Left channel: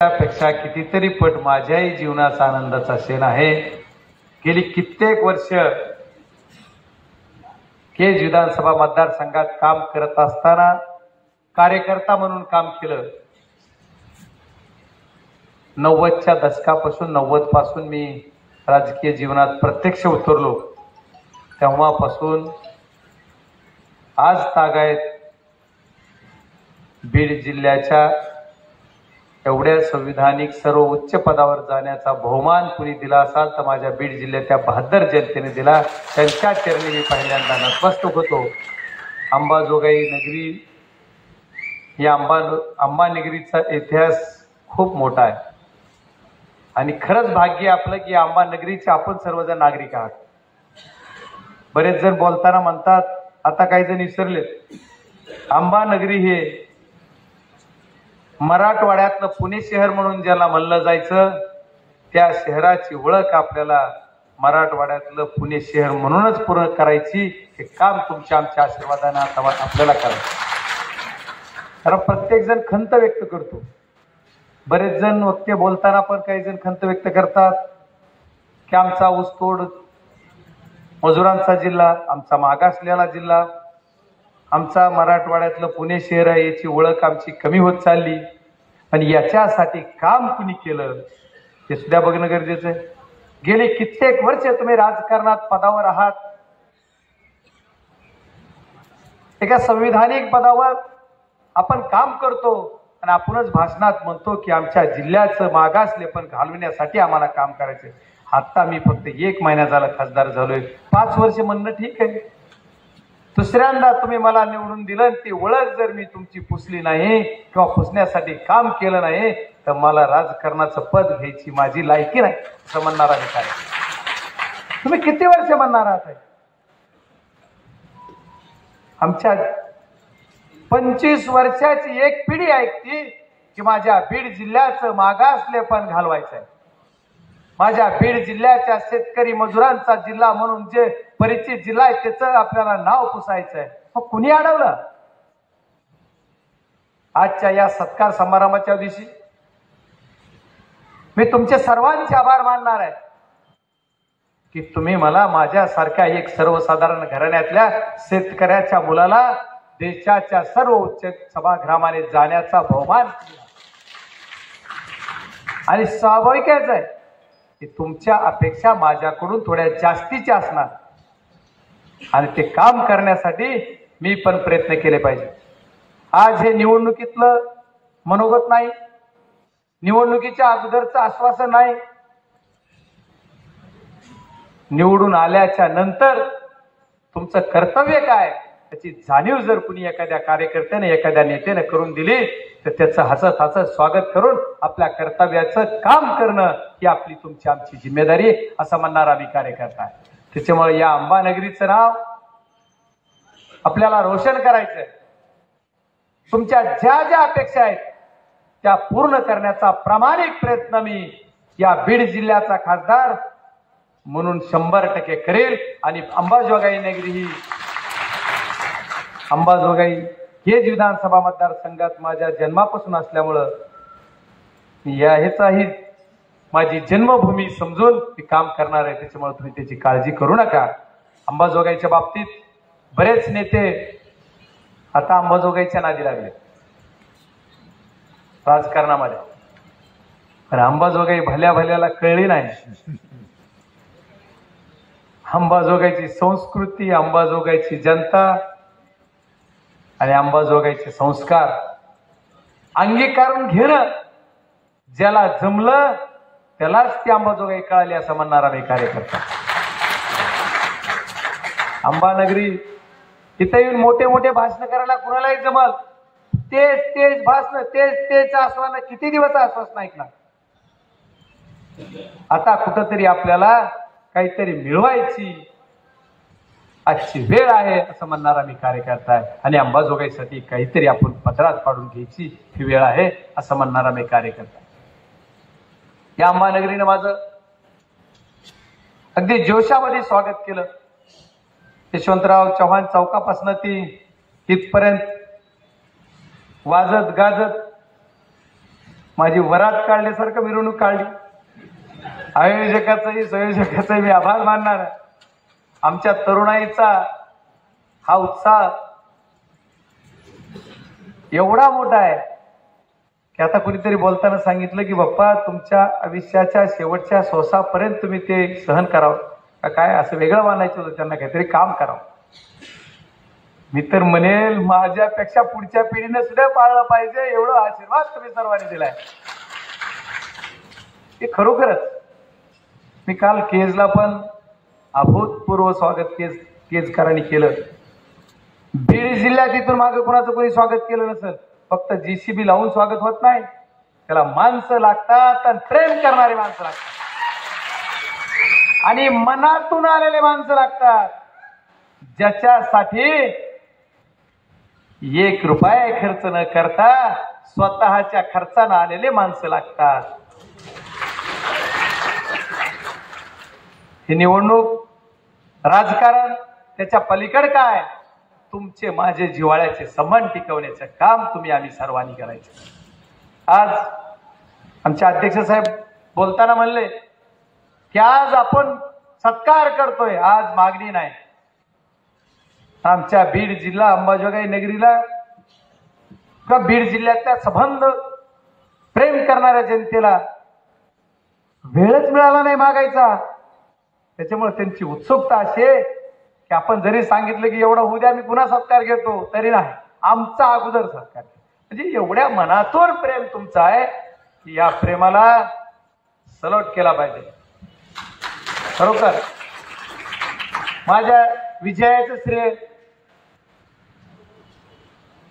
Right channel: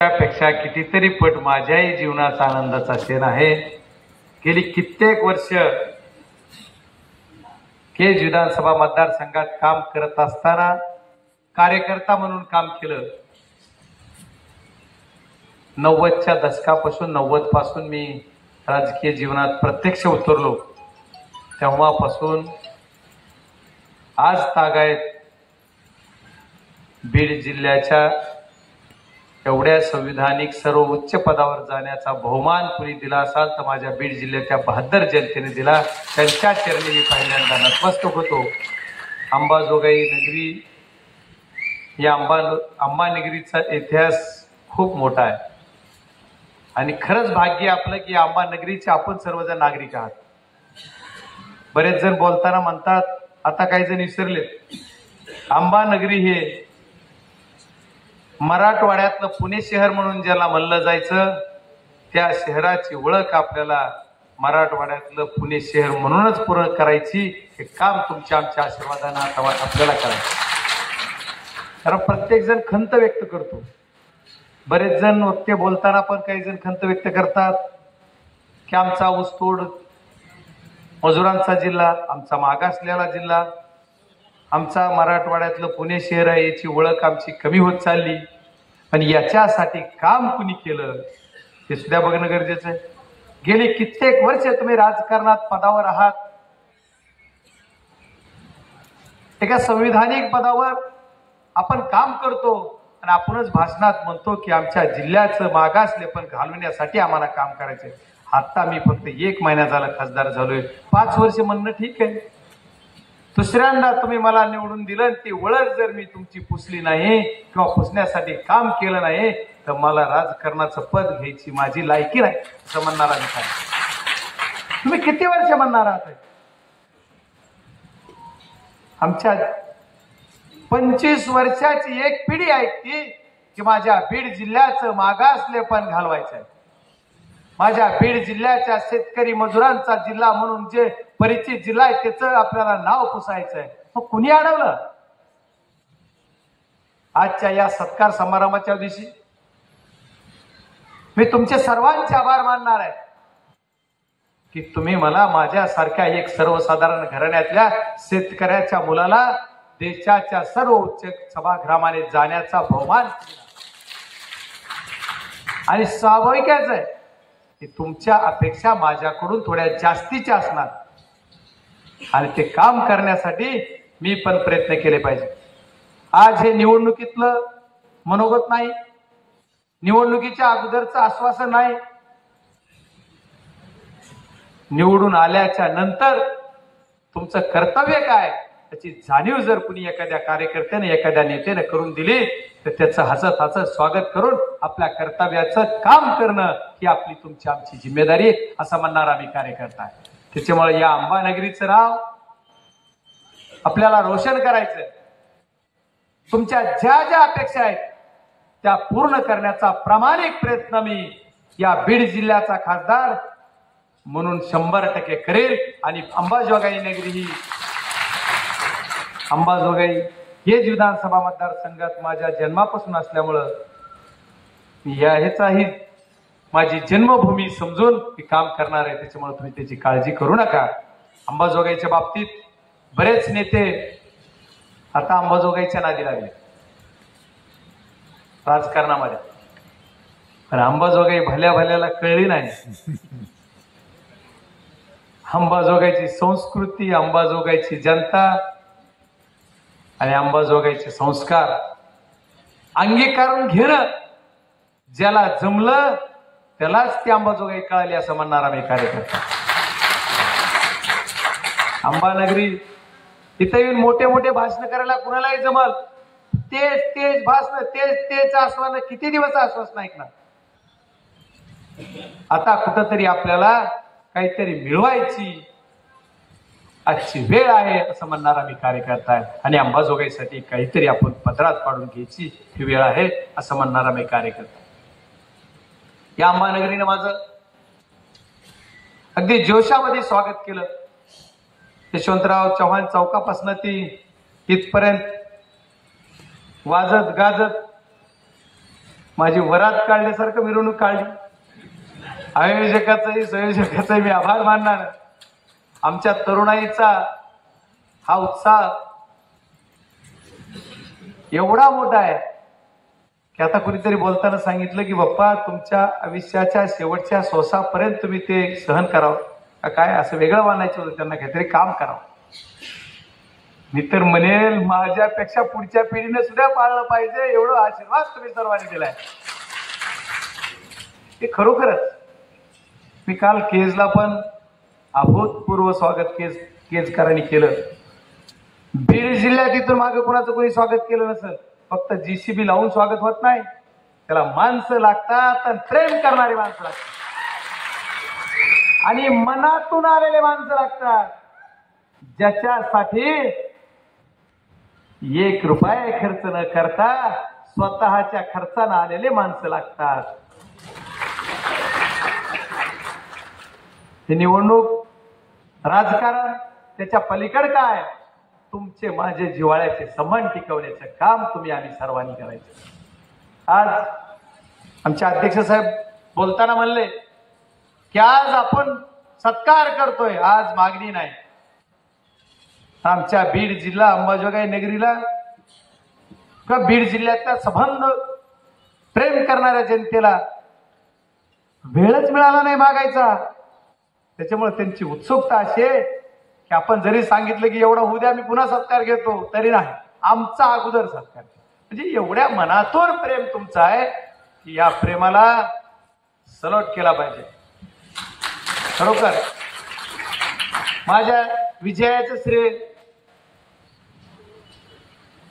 त्यापेक्षा कितीतरी पट माझ्याही जीवनाचा आनंदाचा क्षण आहे। गेली कित्येक वर्ष केज विधानसभा मतदारसंघात काम करत असताना कार्यकर्ता म्हणून काम केलं। 90च्या दशकापासून 90 पासून मी राजकीय जीवनात प्रत्यक्ष उतरलो। तेव्हापासून आज तागायत बीड जिल्ह्याच्या एवढ्या संविधानिक सर्व उच्च पदावर जाण्याचा बहुमान कुणी दिला असाल तर माझ्या बीड जिल्ह्याच्या बहादर जनतेने दिला। त्यांच्या चरणी मी पहिल्यांदा नतमस्तक होतो। अंबाजोगाई नगरी या अंबानगरीचा इतिहास खूप मोठा आहे आणि खरंच भाग्य आपलं की अंबानगरीचे आपण सर्वजण नागरिक आहात। बरेच जण बोलताना म्हणतात, आता काही जण विसरले, अंबानगरी हे मराठवाड्यातलं पुणे शहर म्हणून ज्याला म्हणलं जायचं, त्या शहराची ओळख आपल्याला मराठवाड्यातलं पुणे शहर म्हणूनच पूर्ण करायची। हे काम तुमच्या आमच्या आशीर्वादाने आपल्याला करायचं। कारण प्रत्येक जण खंत व्यक्त करतो। बरेच जण वक्ते बोलताना पण काही जण खंत व्यक्त करतात की आमचा ऊसतोड मजुरांचा जिल्हा, आमचा मागासलेला जिल्हा, आमचा मराठवाड्यातलं पुणे शहर आहे, याची ओळख आमची कमी होत चालली आणि याच्यासाठी काम कुणी केलं हे सुद्धा बघणं गरजेचं आहे। गेली कित्येक वर्ष तुम्ही राजकारणात पदावर आहात, एका संविधानिक पदावर आपण काम करतो आणि आपणच भाषणात म्हणतो की आमच्या जिल्ह्याचं मागासलेपण घालवण्यासाठी आम्हाला काम करायचंय। आता मी फक्त 1 महिना झाला खासदार झालोय, 5 वर्ष म्हणणं ठीक आहे। दुसऱ्यांदा तुम्ही मला निवडून दिलं, ती ओळख जर मी तुमची पुसली नाही किंवा पुसण्यासाठी काम केलं नाही तर मला राजकारणाचं पद घ्यायची माझी लायकी नाही असं म्हणणारा मी काय। तुम्ही किती वर्ष म्हणणार आहात? आमच्या 25 वर्षाची एक पिढी ऐकती की माझ्या बीड जिल्ह्याचं मागासलेपण घालवायचं आहे। माझ्या बीड जिल्ह्याच्या शेतकरी मजुरांचा जिल्हा म्हणून जे परिचित जिल्हा आहे त्याचं आपल्याला नाव पुसायचं आहे। मग कुणी अडवलं? आजच्या या सत्कार समारंभाच्या दिवशी मी तुमचे सर्वांचे आभार मानणार आहे की तुम्ही मला माझ्यासारख्या एक सर्वसाधारण घराण्यातल्या शेतकऱ्याच्या मुलाला देशाच्या सर्व उच्च सभागृहामध्ये जाण्याचा बहुमान आणि स्वाभाविकच आहे की तुमच्या अपेक्षा माझ्याकडून थोड्या जास्तीच्या असणार आणि ते काम करण्यासाठी मी पण प्रयत्न केले पाहिजे। आज हे निवडणुकीतलं मनोगत नाही, निवडणुकीच्या अगोदरचं आश्वासन नाही, निवडून आल्याच्या नंतर तुमचं कर्तव्य काय त्याची जाणीव जर कुणी एखाद्या कार्यकर्त्याने एखाद्या नेत्याने करून दिली तर त्याचं हसत हसत स्वागत करून आपल्या कर्तव्याचं काम करणं ही आपली तुमची आमची जिम्मेदारी असं म्हणणारा मी कार्यकर्ता आहे। त्याच्यामुळे या अंबानगरीचं नाव आपल्याला रोशन करायचंय। तुमच्या ज्या ज्या अपेक्षा आहेत त्या पूर्ण करण्याचा प्रामाणिक प्रयत्न मी या बीड जिल्ह्याचा खासदार म्हणून 100% करेल आणि अंबाजोगाई नगरी ही अंबाजोगाई हे विधानसभा मतदारसंघात माझ्या जन्मापासून असल्यामुळं ह्याचाही माझी जन्मभूमी समजून मी काम करणार आहे। त्याच्यामुळे तुम्ही त्याची काळजी करू नका। अंबाजोगाईच्या बाबतीत बरेच नेते आता अंबाजोगाईच्या नादी लागले राजकारणामध्ये, पण अंबाजोगाई भल्या भल्याला कळली नाही। अंबाजोगाईची संस्कृती, अंबाजोगाईची जनता आणि अंबाजोगाईचे संस्कार अंगीकारून घेणं ज्याला जमलं त्यालाच ती अंबाजोगाई कळाली असं म्हणणारा मी कार्यकर्ता। अंबानगरी तिथे येऊन मोठे मोठे भाषण करायला कुणालाही जमल, तेच भाषण तेच आश्वासन किती दिवस आश्वासन ऐकणार। आता कुठंतरी आपल्याला काहीतरी मिळवायची आजची वेळ आहे असं म्हणणारा मी कार्यकर्ता आहे आणि अंबाजोगाईसाठी काहीतरी आपण पदरात पाडून घ्यायची ही वेळ आहे असं म्हणणारा मी कार्यकर्ता। या अंबानगरीनं माझं अगदी जोशामध्ये स्वागत केलं। यशवंतराव चव्हाण चौकापासून ती इथपर्यंत वाजत गाजत माझी वरात काढल्यासारखं मिरवणूक काढली. आयोजकाचाही संयोजकाचाही मी आभार मानणार. आमच्या तरुणाईचा हा उत्साह एवढा मोठा आहे की आता कुणीतरी बोलताना सांगितलं की बाप्पा तुमच्या आयुष्याच्या शेवटच्या श्वासापर्यंत तुम्ही ते सहन करावं का काय, असं वेगळं मानायचं होतं त्यांना, काहीतरी काम करावं. मी तर म्हणेल माझ्यापेक्षा पुढच्या पिढीने सुद्धा पाळलं पाहिजे एवढा आशीर्वाद तुम्ही सर्वांनी दिलाय. ते खरोखरच मी काल केजला पण अभूतपूर्व स्वागत केजकरांनी केलं. बीड जिल्ह्यात इथून मागे कुणाचं कोणी स्वागत केलं नसेल. फक्त जीसीबी लावून स्वागत होत नाही, त्याला माणसं लागतात आणि प्रेम करणारी माणसं लागतात आणि मनातून आलेले माणसं लागतात, ज्याच्यासाठी 1 रुपया खर्च न करता स्वतःच्या खर्चानं आलेले माणसं लागतात. ही निवडणूक राजकारण त्याच्या पलीकडे काय, तुमचे माझे जिव्हाळ्याचे संबंध टिकवण्याचं काम तुम्ही आम्ही सर्वांनी करायचं. आज आमचे अध्यक्ष साहेब बोलताना म्हणले की आज आपण सत्कार करतोय, आज मागणी नाही. आमच्या बीड जिल्हा अंबाजोगाई नगरीला किंवा बीड जिल्ह्यातल्या संबंध प्रेम करणाऱ्या जनतेला वेळच मिळाला नाही मागायचा. त्याच्यामुळे त्यांची उत्सुकता अशी आहे की आपण जरी सांगितलं की एवढं होऊ द्या मी पुन्हा सत्कार घेतो, तरी नाही, आमचा अगोदर सत्कार. म्हणजे एवढ्या मनातून प्रेम तुमचं आहे की या प्रेमाला सलोट केला पाहिजे. खरोखर माझ्या विजयाचं श्रेय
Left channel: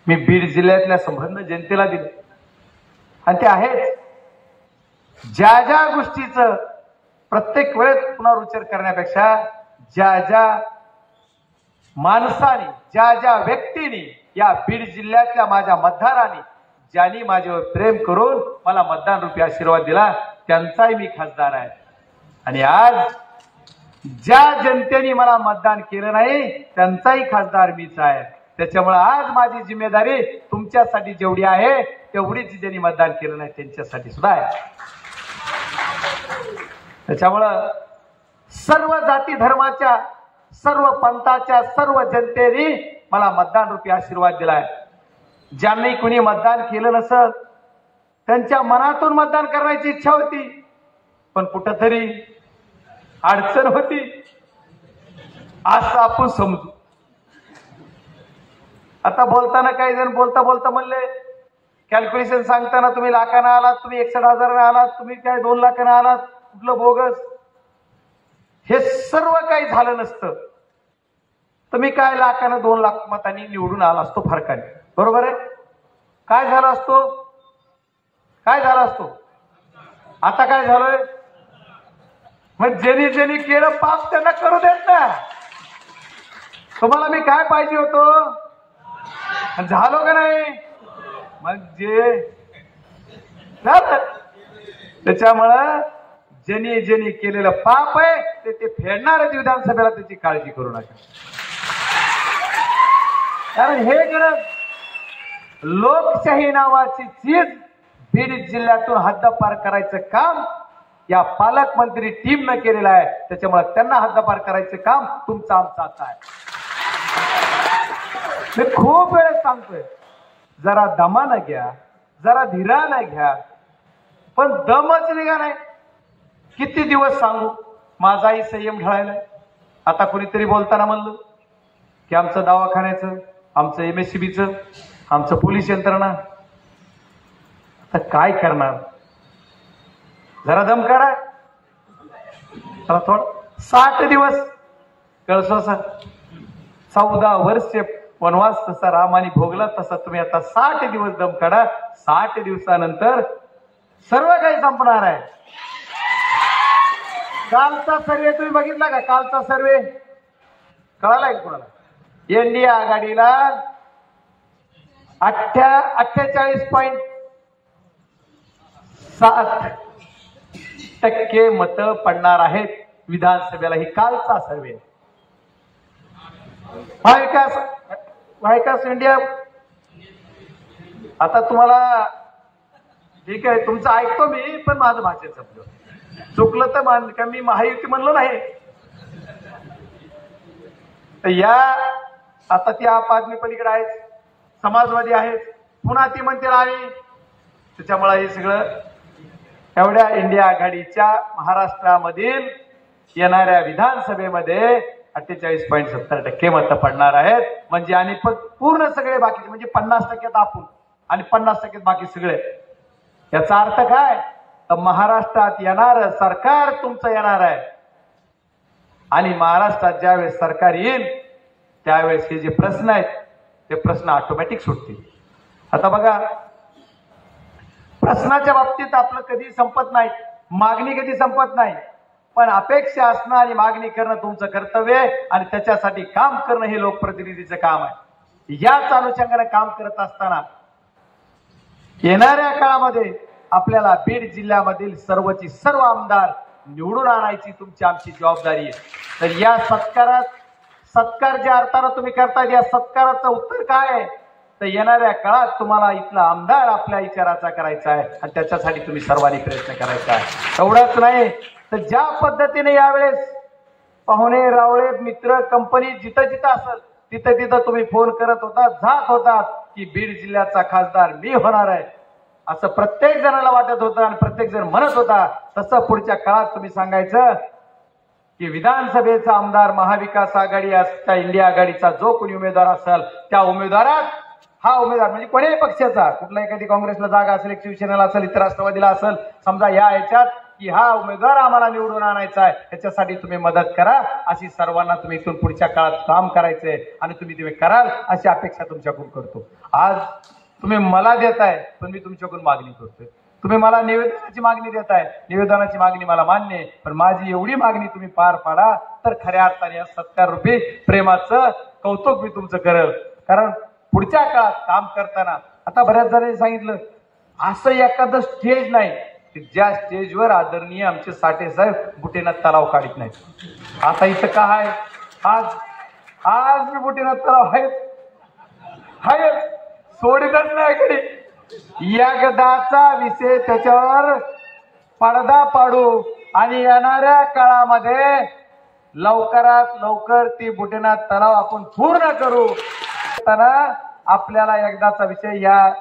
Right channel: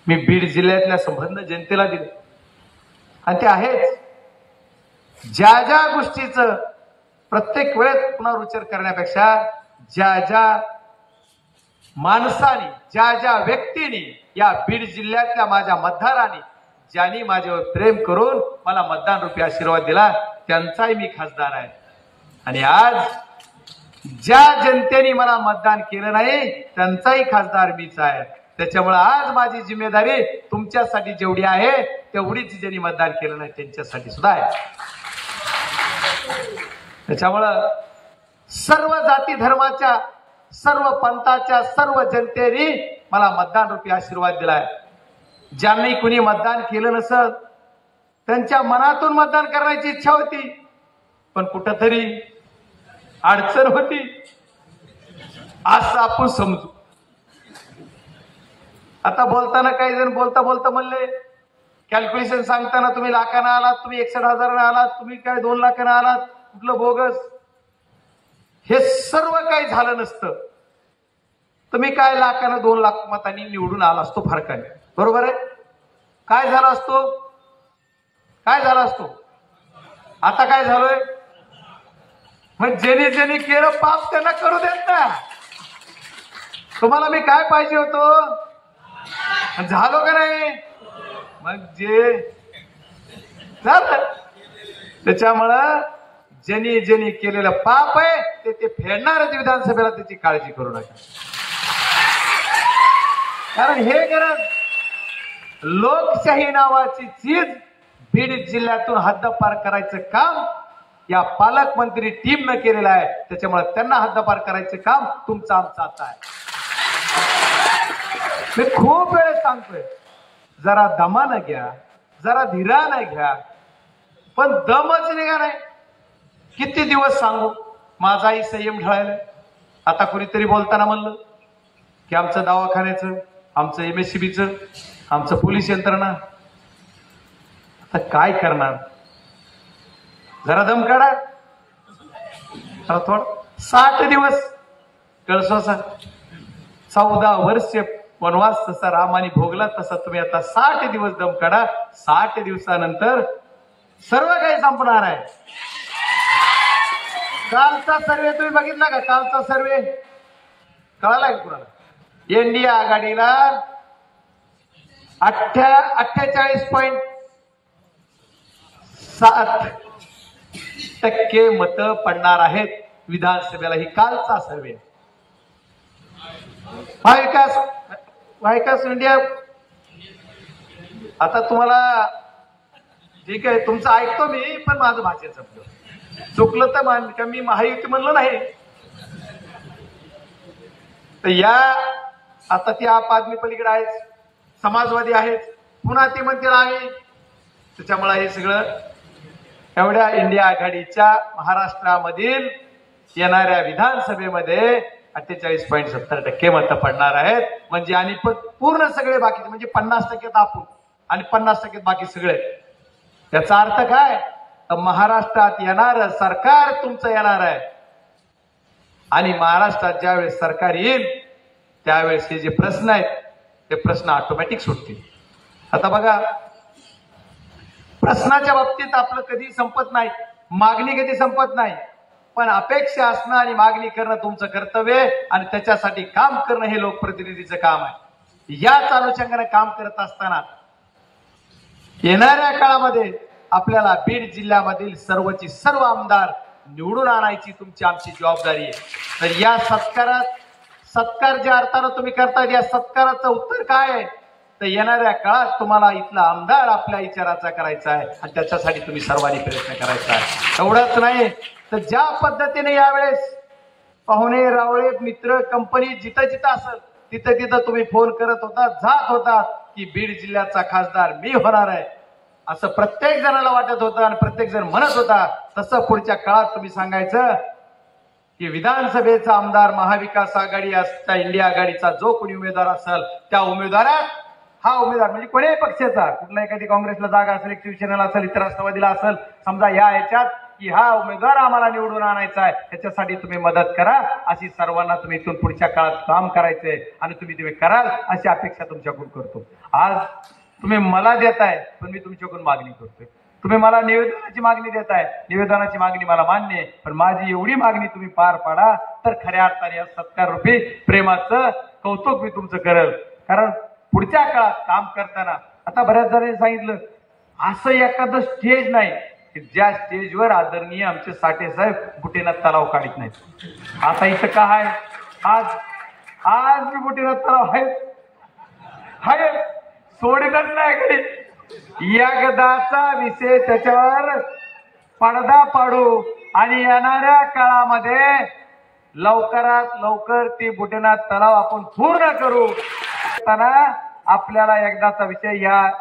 मी बीड जिल्ह्यातल्या संबंध जनतेला दिलं आणि ते आहेच. ज्या ज्या गोष्टीचं प्रत्येक वेळेस पुनरुच्चार करण्यापेक्षा ज्या ज्या माणसाने, ज्या ज्या व्यक्तीने या बीड जिल्ह्यातल्या माझ्या मतदारांनी ज्यांनी माझ्यावर प्रेम करून मला मतदान रूपी आशीर्वाद दिला त्यांचाही मी खासदार आहे. आणि आज ज्या जनतेने मला मतदान केलं नाही त्यांचाही खासदार मीच आहे. त्याच्यामुळे आज माझी जिम्मेदारी तुमच्यासाठी जेवढी आहे तेवढीच ज्यांनी मतदान केलं नाही त्यांच्यासाठी सुद्धा आहे. त्याच्यामुळं सर्व जाती धर्माच्या, सर्व पंथाच्या, सर्व जनतेने मला मतदान रूपी आशीर्वाद दिलाय. ज्यांनी कुणी मतदान केलं नसल त्यांच्या मनातून मतदान करण्याची इच्छा होती, पण कुठंतरी अडचण होती असं आपण समजू. आता बोलताना काही जण बोलता बोलता म्हणले कॅल्क्युलेशन सांगताना तुम्ही लाखानं आलात, तुम्ही 61,000 आलात, तुम्ही काय 2 लाखानं आलात, कुठलं बोगस. हे सर्व काही झालं नसतं तर मी काय लाखानं 2 लाख मतांनी निवडून आला असतो फरकाने. बरोबर आहे. काय झालं असतो, काय झालं असतो. आता काय झालंय, मग ज्यांनी ज्यांनी केलं पाप त्यांना करू देत ना. तुम्हाला मी काय पाहिजे होतो, झालो का नाही, मग जे झालं. त्याच्यामुळं ज्यांनी ज्यांनी केलेलं पाप आहे ते फेडणारच विधानसभेला, त्याची काळजी करू नका. कारण हे गरज लोकशाही नावाची चीज बीड जिल्ह्यातून हद्दपार करायचं काम या पालकमंत्री टीमनं केलेलं आहे. त्याच्यामुळे त्यांना हद्दपार करायचं काम तुमचं आमचं आता आहे. मी खूप वेळेस सांगतोय जरा दमानं घ्या, जरा धीरानं घ्या, पण दमच निघा नाही. किती दिवस सांगू, माझाही संयम ढळायला. आता कुणीतरी बोलताना म्हणलं की आमचं दवाखान्याचं, आमचं MSCBचं, आमचं पोलीस यंत्रणा, आता काय करणार. जरा दम काढा, जरा थोडं. 60 दिवस कळसोसा, 14 वर्ष वनवास जसा रामाने भोगला तसा तुम्ही आता 60 दिवस दम काढा. 60 दिवसानंतर सर्व काही संपणार आहे. कालचा सर्वे तुम्ही बघितला का, कालचा सर्वे कळाला का कुणाला. NDA आघाडीला 48.7% मत पडणार आहेत विधानसभेला. ही कालचा सर्वे. महाविकास इंडिया आता तुम्हाला ठीक आहे, तुमचं ऐकतो मी, पण माझं भाषण संपलं. चुकलं तर मान का मी महायुती म्हणलं नाही. तर या आता ती आप आदमी पलीकडे आहेत, समाजवादी आहेत, पुन्हा ती म्हणते नाही. त्याच्यामुळे हे सगळं एवढ्या इंडिया आघाडीच्या महाराष्ट्रामधील येणाऱ्या विधानसभेमध्ये 48.70% मतं पडणार आहेत. म्हणजे आणि पूर्ण सगळे बाकीचे म्हणजे 50% आपण आणि 50% बाकी सगळे. याचा अर्थ काय, तर महाराष्ट्रात येणार सरकार तुमचं येणार आहे आणि महाराष्ट्रात ज्यावेळेस सरकार येईल त्यावेळेस हे जे प्रश्न आहेत ते प्रश्न ऑटोमॅटिक सुटतील. आता बघा, प्रश्नाच्या बाबतीत आपलं कधी संपत नाही, मागणी कधी संपत नाही, पण अपेक्षा असणं आणि मागणी करणं तुमचं कर्तव्य आहे आणि त्याच्यासाठी काम करणं हे लोकप्रतिनिधीचं काम आहे. याच अनुषंगाने काम करत असताना येणाऱ्या काळामध्ये आपल्याला बीड जिल्ह्यामधील सर्वची सर्व आमदार निवडून आणायची तुमची आमची जबाबदारी आहे. तर या सत्कार ज्या अर्थानं तुम्ही करताय, या सत्काराचं उत्तर काय आहे, तर येणाऱ्या काळात तुम्हाला इथला आमदार आपल्या विचाराचा करायचा आहे आणि त्याच्यासाठी तुम्ही सर्वांनी प्रयत्न करायचा आहे. एवढंच नाही तर ज्या पद्धतीने यावेळेस पाहुणे रावळे मित्र कंपनी जिथं जिथं असेल तिथं तिथं तुम्ही फोन करत होता, जात होतात की बीड जिल्ह्याचा खासदार मी होणार आहे, असं प्रत्येक जणाला वाटत होतं आणि प्रत्येक जण म्हणत होता. तसं पुढच्या काळात तुम्ही सांगायचं की विधानसभेचा आमदार महाविकास आघाडी असता इंडिया आघाडीचा जो कोणी उमेदवार असेल त्या उमेदवारात हा उमेदवार म्हणजे कोणत्याही पक्षाचा, कुठला एखादी काँग्रेसला जागा असेल, शिवसेनेला असेल, इतर राष्ट्रवादीला असेल, समजा या ह्याच्यात की हा उमेदवार आम्हाला निवडून आणायचा आहे, त्याच्यासाठी तुम्ही मदत करा, अशी सर्वांना तुम्ही इथून पुढच्या काळात काम करायचंय आणि तुम्ही कराल अशी अपेक्षा तुमच्याकडून करतो. आज तुम्ही मला देताय पण मी तुमच्याकडून मागणी करतोय. तुम्ही मला निवेदनाची मागणी देताय, निवेदनाची मागणी मला मान्य आहे, पण माझी एवढी मागणी तुम्ही पार पाडा तर खऱ्या अर्थाने या सत्कार रूपी प्रेमाचं कौतुक मी तुमचं करेल. कारण पुढच्या काळात काम करताना आता बऱ्याच जणांनी सांगितलं असं एखादं स्टेज नाही की ज्या स्टेजवर आदरणीय आमचे साठे साहेब बुटेनाथ तलाव काढत नाहीत. आता इथं काय आहे, आज मी बुटेनाथ तलाव आहे सोडीतच नाही कधी. एकदाचा विषय त्याच्यावर पडदा पाडू आणि येणाऱ्या काळामध्ये लवकरात लवकर ती बुटेनाथ तलाव आपण पूर्ण करू. आपल्याला एकदाचा विषय, या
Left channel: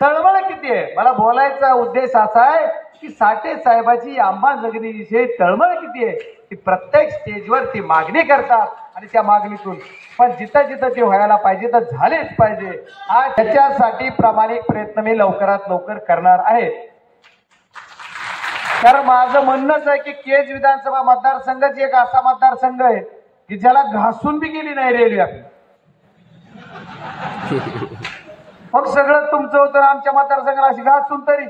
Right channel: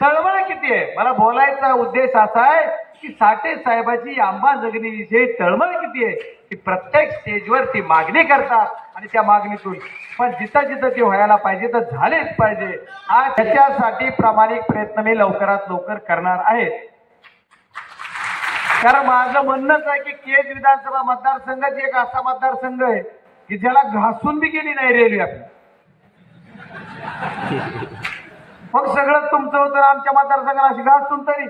तळमळ किती आहे, मला बोलायचा उद्देश असा आहे की साठे साहेबाची अंबाजोगाईविषयी तळमळ किती आहे की प्रत्येक स्टेजवर ती मागणी करतात आणि त्या मागणीतून पण जिथं जिथं ते व्हायला पाहिजे तर झालेच पाहिजे. आज त्याच्यासाठी प्रामाणिक प्रयत्न मी लवकरात लवकर करणार आहे. कारण माझं म्हणणंच आहे की केज विधानसभा मतदारसंघाची एक असा मतदारसंघ आहे की ज्याला घासून बी गेली नाही रेल्वे आपली. मग सगळं तुमचं होतं, आमच्या मतदारसंघाला अशी घासून तरी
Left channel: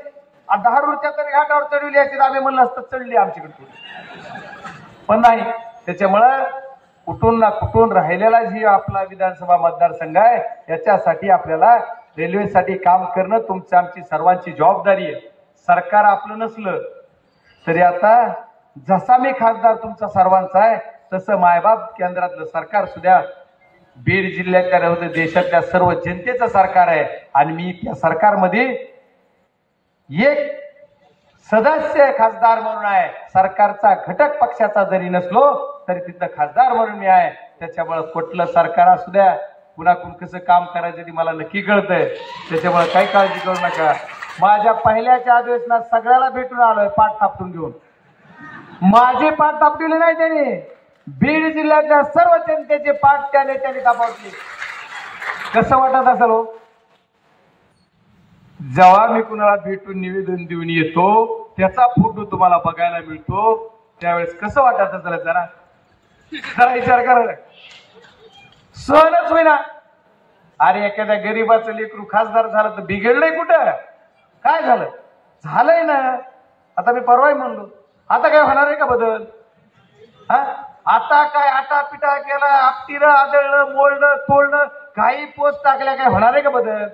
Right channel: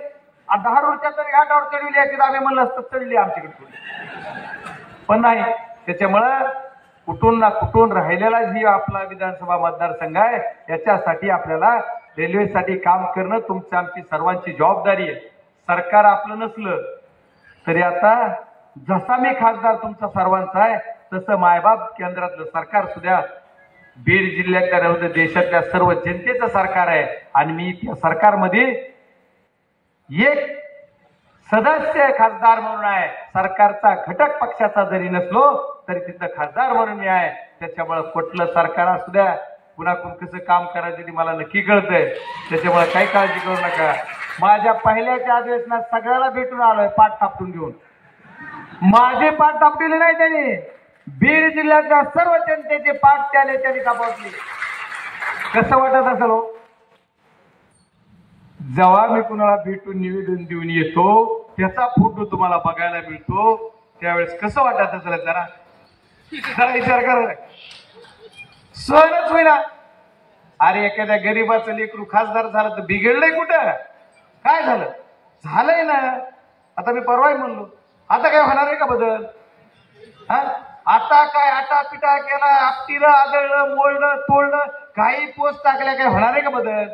10 रुपया तरी घाटावर चढवली अशी आम्ही म्हणलं असतं चढली आमच्याकडे, पण नाही. त्याच्यामुळं कुठून ना कुठून राहिलेला जी आपला विधानसभा मतदारसंघ आहे याच्यासाठी आपल्याला रेल्वेसाठी काम करणं तुमची आमची सर्वांची जबाबदारी आहे. सरकार आपलं नसलं तरी आता जसा मी खासदार तुमचा सर्वांचा आहे तसं मायबाप केंद्रातलं सरकार सुद्धा बीड जिल्ह्यातल्या देशातल्या सर्व जनतेचं सरकार आहे आणि मी त्या सरकारमध्ये एक सदस्य खासदार म्हणून आहे. सरकारचा घटक पक्षाचा जरी नसलो तरी तिथं खासदार म्हणून मी आहे. त्याच्यामुळे कुठलं सरकार असू द्या, कुणाकडून कसं काम करायचं ते मला नक्की कळतंय. त्याच्यामुळे काही काळजी करू नका. माझ्या पहिल्याच्या अधिवेशनात सगळ्याला भेटून आलोय पाठ थापटून घेऊन. माझे पाठ थापटिले नाही त्याने, बीड जिल्ह्यातल्या सर्व जनतेचे पाठ त्याने थापटले. कसं वाटत असेल हो? जेव्हा मी कुणाला भेटून निवेदन देऊन येतो त्याचा फोटो तुम्हाला बघायला मिळतो त्यावेळेस कसं वाटत असेल जरा विचार करा. सहनच होईना. अरे एखाद्या गरीबाचं लेकरू खासदार झालं तर बिघडलंय कुठं? काय झालं? झालंय ना. आता मी परवाही म्हणलो आता काय होणार आहे का बदल? आता काय आटा पिटा केला, आपटीलं आदळलं मोडलं तोडलं काही पोस्ट टाकल्या काय होणार आहे का बदल?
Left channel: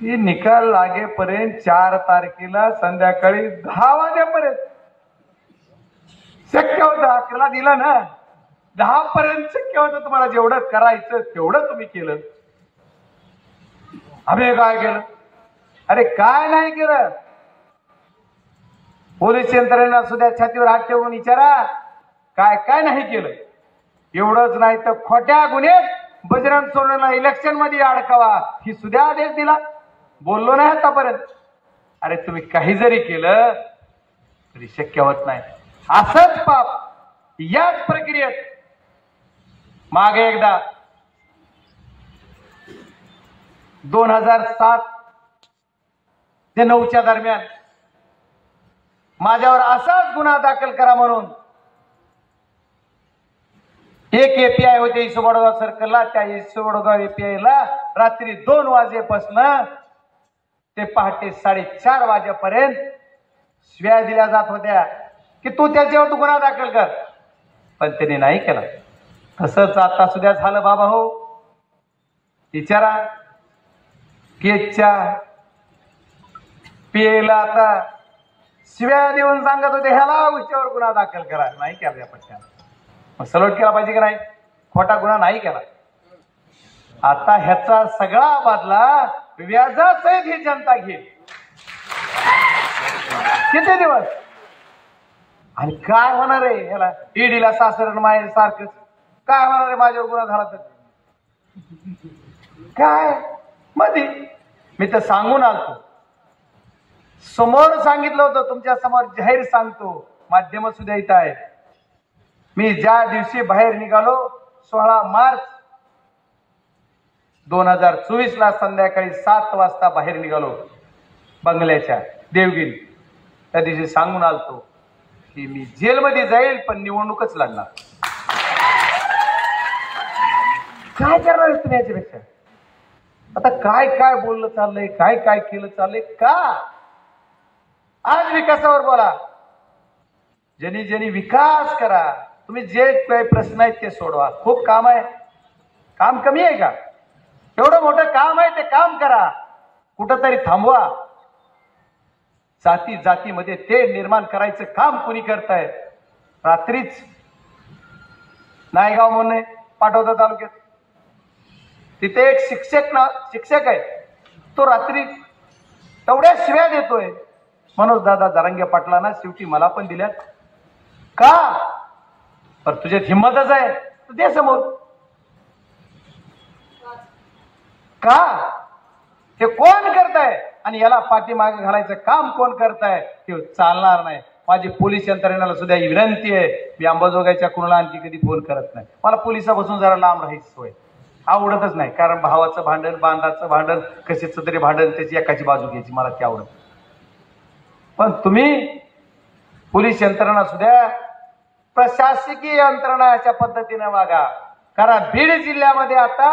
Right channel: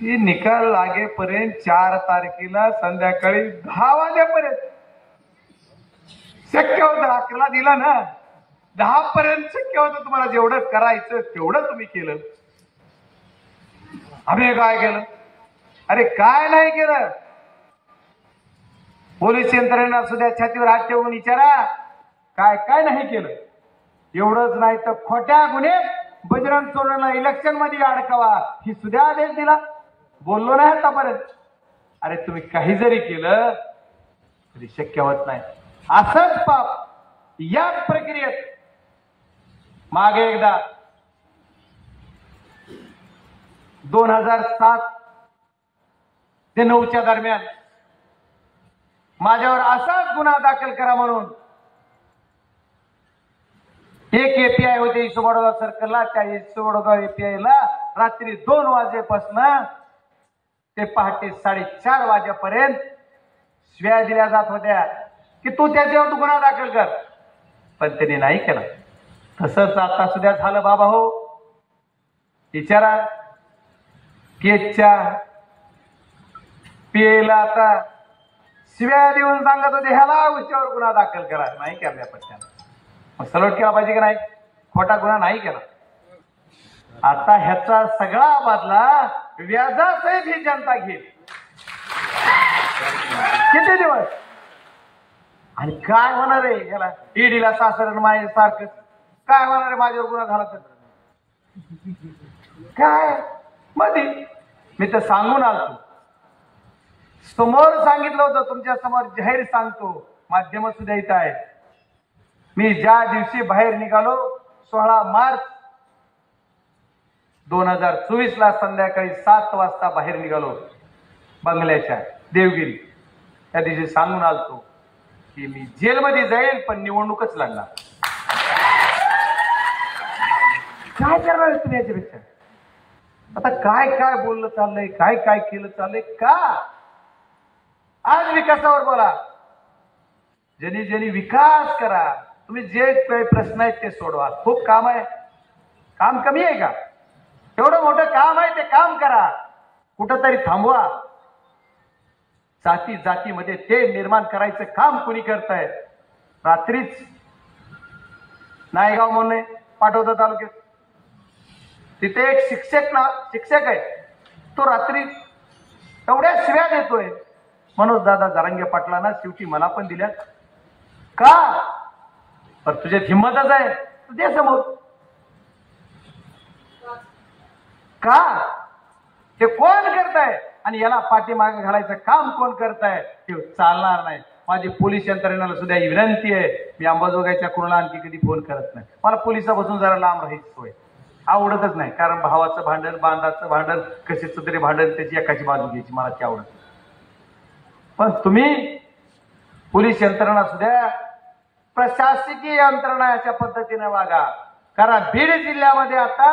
ती निकाल लागेपर्यंत 4 तारखेला संध्याकाळी 10 वाजेपर्यंत शक्य होतं. 11 दिला ना, 10 पर्यंत शक्य होतं. तुम्हाला जेवढं करायचं तेवढं तुम्ही केलं. आम्ही काय केलं? अरे काय नाही केलं? पोलीस यंत्रणेला सुद्धा छातीवर हात ठेवून विचारा काय काय नाही केलं. एवढंच नाही तर खोट्या गुन्ह्यात बजरंग सोनवणेला इलेक्शन मध्ये अडकावा ही सुद्धा आदेश दिला. बोललो नाही आतापर्यंत. अरे तुम्ही काही जरी केलं तरी शक्य होत नाही. असंच पाप याच प्रक्रियेत मागे एकदा 2007 ते 9च्या दरम्यान माझ्यावर असाच गुन्हा दाखल करा म्हणून एक एपीआय होते इसवडगाव सर्कलला. त्या इसवडगाव एपीआयला रात्री 2 वाजेपासून ते पहाटे 4:30 वाजेपर्यंत शिव्या दिल्या जात होत्या की तू त्याच्यावर गुन्हा दाखल कर. पण त्यांनी नाही केला. तसंच आता सुद्धा झालं बाबा हो. विचारा केच्या पीएला आता शिव्या देऊन सांगत होते ह्याला उच्यावर गुन्हा दाखल करा. नाही केला पटकन. मग सलट केला पाहिजे की नाही? खोटा गुन्हा नाही केला. आता ह्याचा सगळा बदला व्याजासहित ही जनता घेईल. किती दिवस आणि काय होणार आहे ह्याला? ईडीला सासर माय सारखं काय होणार आहे? माझ्यावर गुन्हा झाला तर काय मध्ये मी तर सांगून आलतो. समोर सांगितलं होतं. तुमच्या समोर जाहीर सांगतो. माध्यम सुद्धा इथं आहे. मी ज्या दिवशी बाहेर निघालो 16 मार्च 2024 ला संध्याकाळी 7 वाजता बाहेर निघालो बंगल्याच्या देवगिरी. त्या दिवशी सांगून आलतो की मी जेलमध्ये जाईल पण निवडणूकच लढणार. काय करणार तुम्ही याच्यापेक्षा? आता काय काय बोललं चाललंय, काय काय केलं चाललंय का? आज विकासावर बोला. ज्यांनी ज्यांनी विकास करा. तुम्ही जे काही प्रश्न आहेत ते सोडवा. खूप काम आहे. काम कमी आहे का? एवढं मोठं काम आहे ते काम करा. कुठंतरी थांबवा. जाती जातीमध्ये ते निर्माण करायचं काम कुणी करताय? रात्रीच नायगाव म्हणून पाठवता तालुक्यात. तिथे एक शिक्षक आहे. तो रात्री तेवढ्या शिव्या देतोय. मनोज दादा जरांगे पाटलांना शेवटी मला पण दिल्या का? पण तुझ्यात हिंमतच आहे तर दे समोर का? हे कोण करताय आणि याला पाठीमागे घालायचं काम कोण करताय? ते चालणार नाही. माझी पोलीस यंत्रणेला सुद्धा ही विनंती आहे. मी अंबाजोगाईच्या कुणाला आणखी कधी फोन करत नाही. मला पोलिसापासून जरा लांब राहायची सोय आवडतच नाही. कारण भावाचं भांडण, बांधाचं भांडण, कशाचं तरी भांडण, त्याची एकाची बाजू घ्यायची मला ते आवडत. पण तुम्ही पोलीस यंत्रणा सुद्धा प्रशासकीय यंत्रणा अशा पद्धतीने वागा. कारण बीड जिल्ह्यामध्ये आता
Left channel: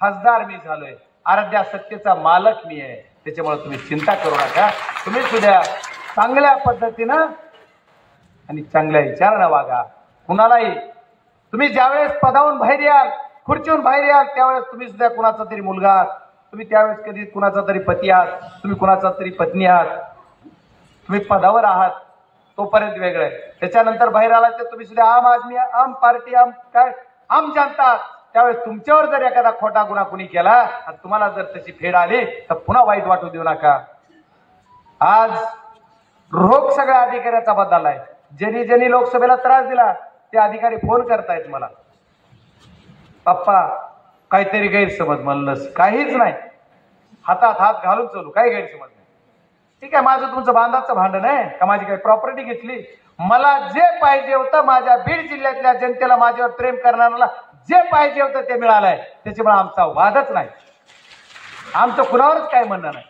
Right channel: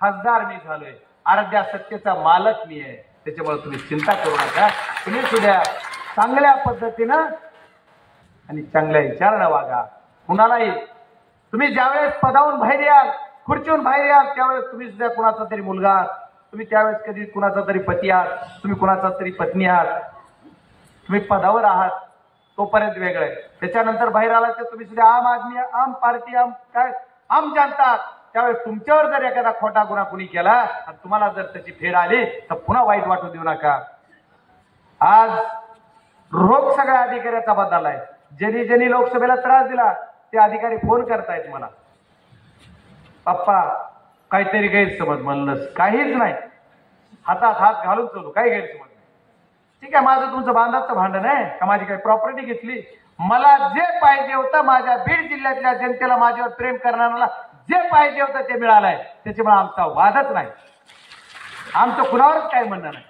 खासदार मी झालोय. अर्ध्या सत्तेचा मालक मी आहे. त्याच्यामुळे तुम्ही चिंता करू नका. तुम्ही सुद्धा चांगल्या पद्धतीनं आणि चांगल्या विचारानं वागा. कुणालाही तुम्ही ज्यावेळेस पदावून बाहेर याल, खुर्चीहून बाहेर याल, त्यावेळेस तुम्ही सुद्धा कुणाचा तरी मुलगा आहात. तुम्ही त्यावेळेस कधी कुणाचा तरी पती आहात. तुम्ही कुणाचा तरी पत्नी आहात. तुम्ही पदावर आहात तोपर्यंत वेगळं आहे. त्याच्यानंतर बाहेर आला तर तुम्ही सुद्धा आम आदमी, आम पार्टी, आम काय आम जनता. त्यावेळेस तुमच्यावर जर एखादा खोटा गुन्हा कुणी केला आणि तुम्हाला जर त्याची फेड आली तर पुन्हा वाईट वाटू देऊ नका. आज रोग सगळ्या अधिकाऱ्याचा बदललाय. ज्यांनी ज्यांनी लोकसभेला त्रास दिला ते अधिकारी फोन करतायत मला, पप्पा काहीतरी गैरसमज. म्हणलंच काहीच नाही. हातात हात घालून चालू. काही गैरसमज नाही. ठीक आहे, माझं तुमचं बांधाचं भांडण आहे का? माझी काही प्रॉपर्टी घेतली? मला जे पाहिजे होतं माझ्या बीड जिल्ह्यातल्या जनतेला, माझ्यावर प्रेम करणाऱ्याला जे पाहिजे होतं ते मिळालंय. त्याच्यामुळे आमचा वादच नाही. आमचं कुणावरच काय म्हणणं नाही.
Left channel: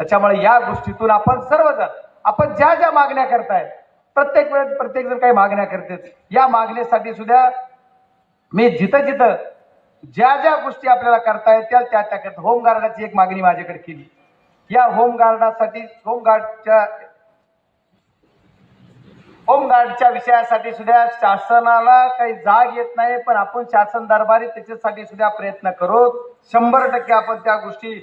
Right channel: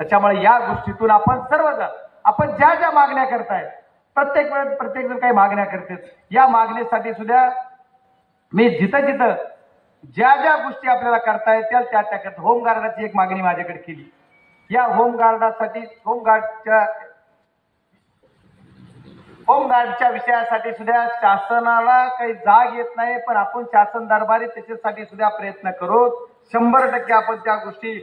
त्याच्यामुळे या गोष्टीतून आपण सर्वजण आपण ज्या ज्या मागण्या करताय, प्रत्येक वेळेस प्रत्येक जण काही मागण्या करतात. या मागणीसाठी सुद्धा मी जिथं जिथं ज्या ज्या गोष्टी आपल्याला करता येतील त्या त्या करता. होमगार्डाची एक मागणी माझ्याकडे केली. या होमगार्डासाठी होमगार्डच्या विषयासाठी सुद्धा शासनाला काही जाग येत नाही. पण आपण शासन दरबारी त्याच्यासाठी सुद्धा प्रयत्न करू. 100% आपण त्या गोष्टी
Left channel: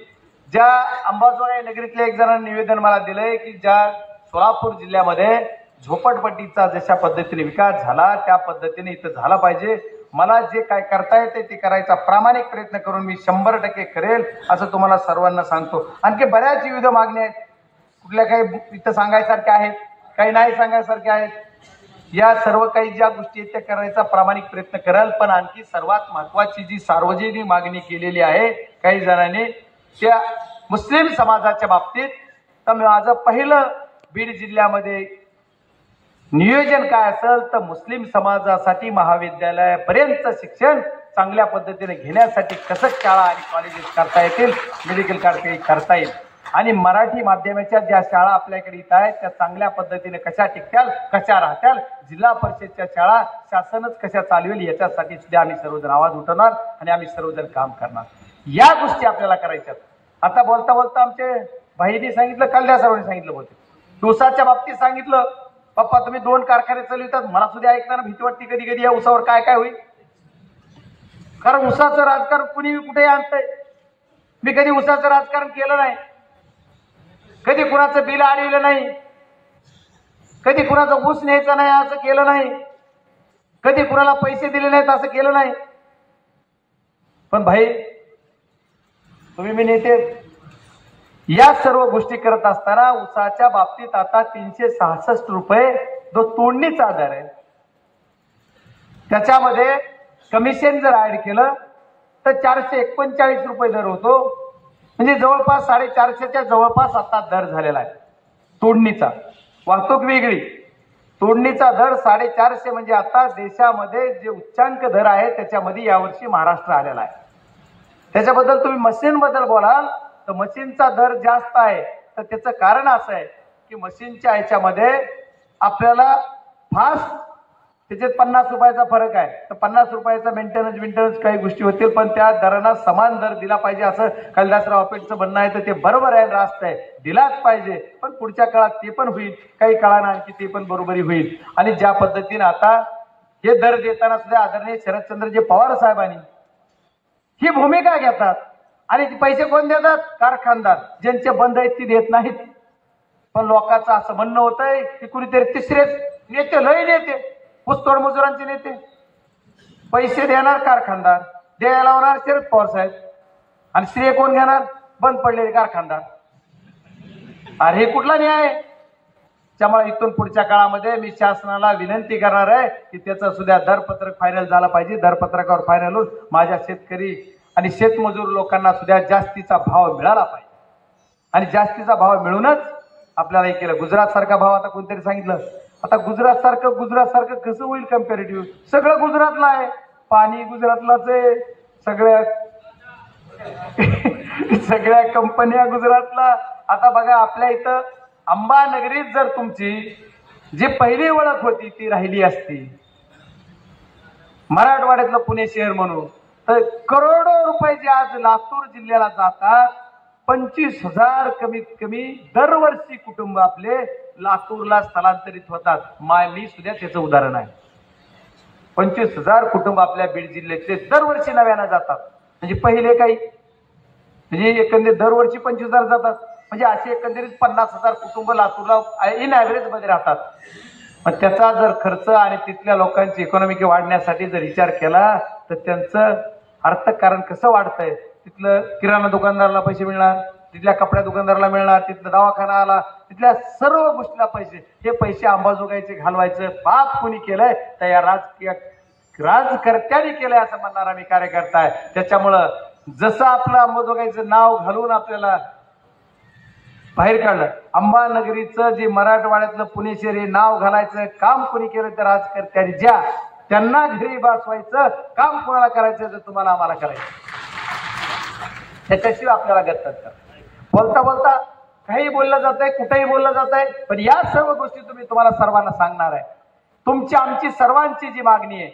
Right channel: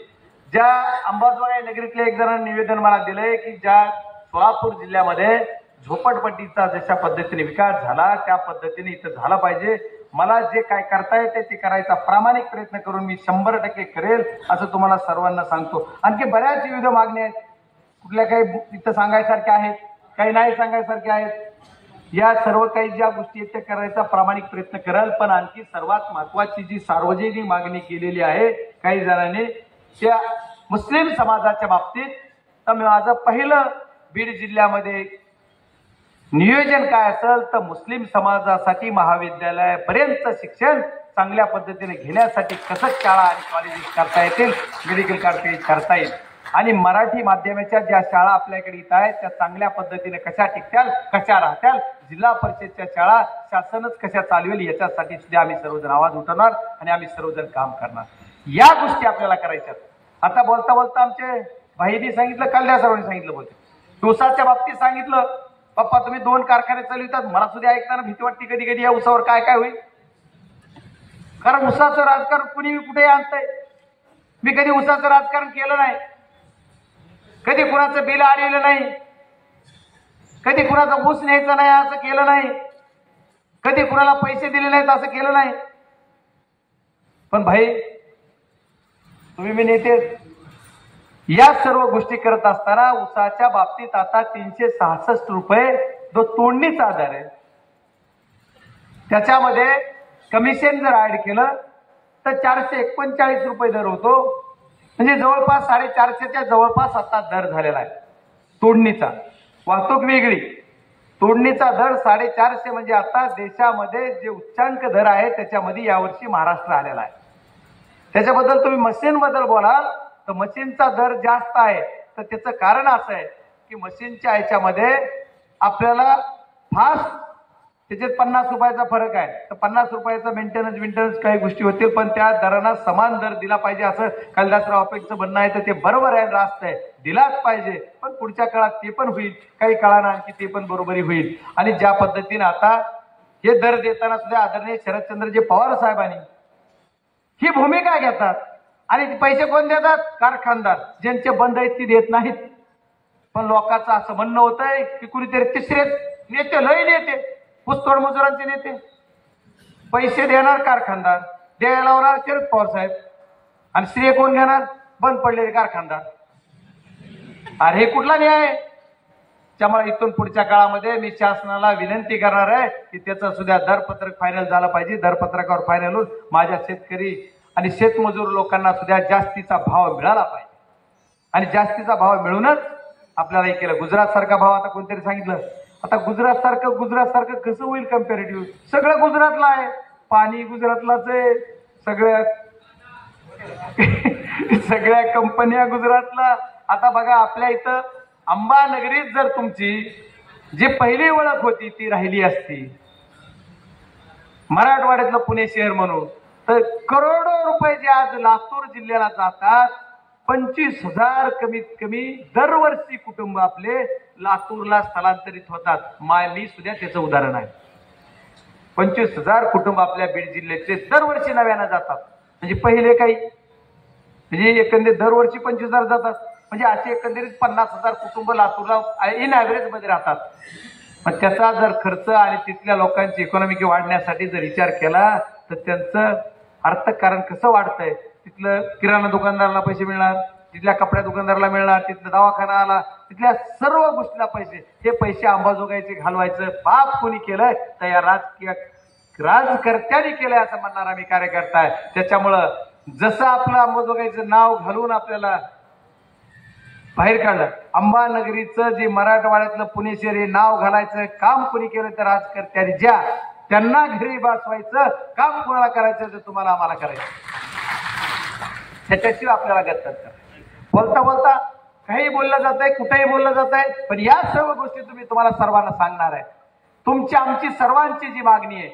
ज्या अंबाजोगाई नगरीतल्या एक जणांनी निवेदन मला दिलंय की ज्या सोलापूर जिल्ह्यामध्ये झोपडपट्टीचा जशा पद्धतीने विकास झाला त्या पद्धतीने इथं झाला पाहिजे. मला जे काय करता येते ते करायचा प्रामाणिक प्रयत्न करून मी 100% करेल असं तुम्हाला सर्वांना सांगतो. आणखी बऱ्याच विविध मागण्या आहेत, कुठल्या काही इथं सांगायसारख्या आहेत, काही नाही सांगायसारख्या आहेत. या सर्व काही ज्या गोष्टी आहेत त्या करायचा प्रामाणिक प्रयत्न कराल. पण आणखी सर्वात महत्वाची जी सार्वजनिक मागणी केलेली आहे काही जणांनी त्या मुस्लिम समाजाच्या बाबतीत, तर माझं पहिलं बीड जिल्ह्यामध्ये नियोजन काय असेल तर मुस्लिम समाजासाठी महाविद्यालयापर्यंत शिक्षण चांगल्या पद्धतीने घेण्यासाठी कसं शाळा आणि कॉलेजेस करता येतील, मेडिकल करता येईल आणि मराठी माध्यमाच्या ज्या शाळा आपल्याकडे इथं आहेत त्या चांगल्या पद्धतीने कशा टिकत्याल, कशा राहत्याल, जिल्हा परिषदच्या शाळा शासनच कशा चालवेल याच्यासाठी सुद्धा आम्ही सर्वजण आवाज उठवणार आणि आम्ही सर्वजण काम करणार. या गोष्टी आपल्याला करायच्यात. आता बोलता बोलता आमचे भाईंनी सांगितलं, कल्याण सर्वांनी सांगितलं, बोलते ऊसाच्या बाबतीत सांगितलं, पप्पा तुम्ही 2 कारखाने चालवितात, मला सुद्धा ऐकताना भीती वाटते कधी कधी या ऊसावर काय काय होईल. कारण ऊसाचं राजकारण कुणी कुठे आणतंय. मी कधी ऊसाचं राजकारण केलं नाही, कधी कुणाचं बिल आलेलं नाही, कधी कुणाचं ऊस न्यायचं नाही असं केलं नाही, कधी कुणाला पैसे दिले नाहीत असं केलं नाही. पण भाई तुम्ही मी नेते या सर्व गोष्टी करत असताना ऊसाच्या बाबतीत आता 366 रुपये जो तोडणीचा दर आहे त्याच्यामध्ये कमिशन जर ऍड केलं तर 439 रुपये दर होतो. म्हणजे जवळपास 450च्या जवळपास आता दर झालेला आहे तोडणीचा. वाहतूक वेगळी, तोडणीचा दर 450 म्हणजे आता देशामध्ये जे उच्चांक दर आहे त्याच्यामध्ये यावर्षी महाराष्ट्र आलेला आहे. त्याच्याबद्दल तुम्ही मशीन बद्दल बोलाल तर मशीनचा दर जास्त आहे, तर त्याचं कारण असं आहे की मशीनच्या ह्याच्यामध्ये आपल्याला फास्ट त्याच्यात 50 रुपयाचा फरक आहे, तर 50 रुपयाचा मेंटेनन्स काही गोष्टी होतील, पण त्या दरांना समान दर दिला पाहिजे असं कैलासराव आपेटचं म्हणणं आहे. तर ते बरोबर आहे, रास्त आहे, दिलाच पाहिजे. पण पुढच्या काळात ते पण होईल, काही काळानं आणखी ते पण बरोबरी होईल. आणि ज्या पद्धतीने आता हे दर देताना सुद्धा आदरणीय शरदचंद्रजी पवार साहेबांनी ही भूमिका घेतात आणि पैसे कोण देतात? कारखानदार. ज्यांचे बंद आहेत ती देत नाहीत. पण लोकांचं असं म्हणणं होतंय की कुणीतरी तिसरे नेते, लय नेते, ऊसतोड मजुरांचे नेते पैसे देणार कारखानदार, द्यायला लावणार शरद पवार साहेब, आणि श्रेय कोण घेणार? बंद पडलेले कारखानदार. अरे हे कुठला न्याय? त्यामुळे इथून पुढच्या काळामध्ये मी शासनाला विनंती करणार आहे की त्याचं सुद्धा दरपत्रक फायनल झालं पाहिजे. दरपत्रकावर फायनल होऊन माझ्या शेतकरी आणि शेतमजूर लोकांना सुद्धा जास्तीचा भाव मिळाला पाहिजे. आणि जास्तीचा भाव मिळूनच आपल्याला हे केलं. गुजरात सारखा भाव आता कोणतरी सांगितलं, आता गुजरात सारखं कसं होईल कम्पॅरेटिव्ह? सगळं गुजरातला आहे, पाणी गुजरातलाच आहे, सगळ्या कंपन्या गुजरातला. आता बघा आपल्या इथं अंबानगरीत जर तुमची जी पहिली ओळख होती ती राहिली असती मराठवाड्यातलं पुणे शहर म्हणून, तर करोडो रुपये जे आज लातूर जिल्ह्याला जातात, 25,000 कमीत कमी दरवर्षी कुटुंब आपले लातूरला स्थलांतरित होतात. मी सुद्धा त्याचं उदाहरण आहे. 25,000 कुटुंब आपल्या बीड जिल्ह्यातले दरवर्षी नव्यानं जातात. म्हणजे पहिले काही म्हणजे एकंदरीत दरवर्षी 25,000 जातात, म्हणजे असे एकंदरीत 50,000 कुटुंब लातूरला इन ऍव्हरेज मध्ये राहतात. पण त्याचा जर खर्च आणि तिथल्या लोकांची इकॉनॉमिक वाढण्यासाठी जर विचार केला तर त्यांचं अर्थकारण कसं वाढतंय? तिथलं किराणा दुकानदाराला पैसे मिळणार, तिथल्या कपड्या दुकानदाराला मिळणार, तिथला दवाखाना आला, तिथल्या सर्व गोष्टीला पैसे. हे पैसे अंबाजोगाईचे घालवायचं पाप कोणी केलंय तर या राजकर्त्यांनी केलंय असं म्हणणारा मी कार्यकर्ता आहे. त्याच्यामुळं जसं आपलं अंबाजोगाईचं नाव घालून आपल्याला बाहेर काढलं, अंबानगरीचं जे मराठवाड्यातलं पुणे शहर हे नाव घालायचं काम कोणी केलं तर राजकर्त्यांनी. ज्या त्यांना घरी बसवायचं काम कोणाला करायचं तर तुम्हाला आम्हाला करायचं, त्याच्याशिवाय आपल्याला गत्तर करायचं. बोलता बोलता काही बोललं जात आहे, कुठेही बोललं जात आहे, पण या सर्व गोष्टी तुम्हाला सर्वांना सांगणार आहे. तुमची आमची सर्वांची जी मागणी आहे